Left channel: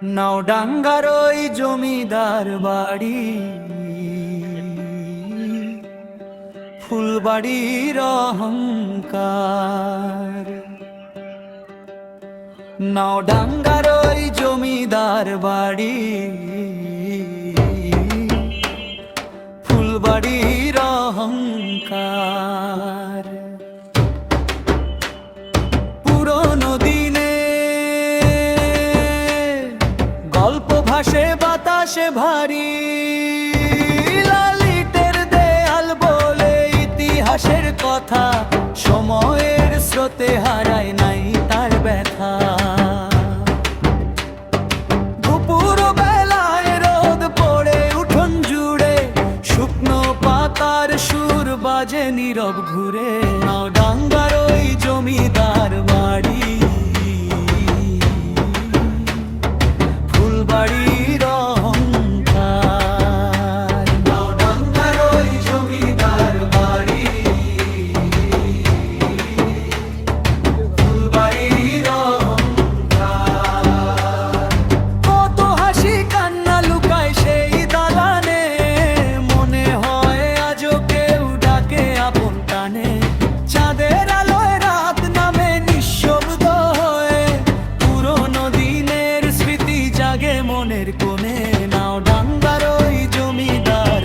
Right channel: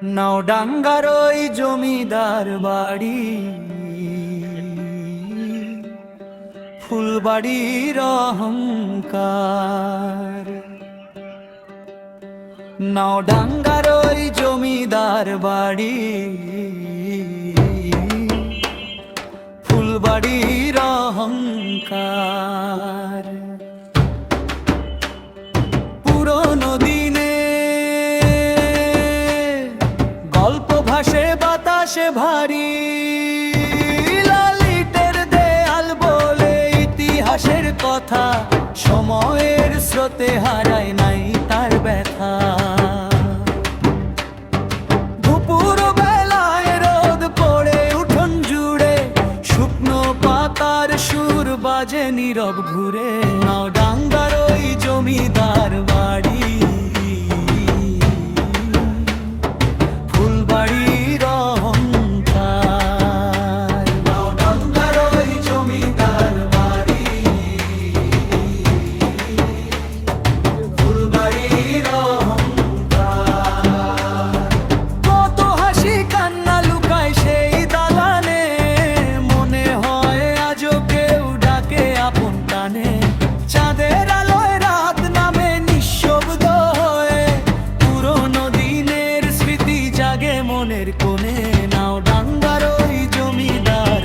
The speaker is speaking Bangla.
নাওডাঙ্গার ওই জমিদার বাড়ি, ফুলবাড়ির অহংকার। নাওডাঙ্গার ওই জমিদার বাড়ি, ফুলবাড়ির অহংকার। পুরনো দিনে গল্প ভাসে বাতাসে ভারী, লালিটের দেয়াল বলে ইতিহাসের কথা, সময়ের স্রোতে হারায় নাই তার ব্যথা। দুপুর বেলায় রোদ পড়ে উঠোন জুড়ে, শুকনো পাতার সুর বাজে নীরব ঘুরে। নাওডাঙ্গার ওই জমিদার বাড়ি, ফুলবাড়ির অহংকার। নাওডাঙ্গার ওই জমিদার বাড়ি, ফুলবাড়ির অহংকার। কত হাসি কান্না লুকায় সেই দালানে, মনে হয় আজও কেউ ডাকে আপন টানে। চাঁদের আলোয় রাত নামে নিঃশব্দ হয়ে, পুরনো দিনের স্মৃতি জাগে মনের কোণে। নাওডাঙ্গার ওই জমিদার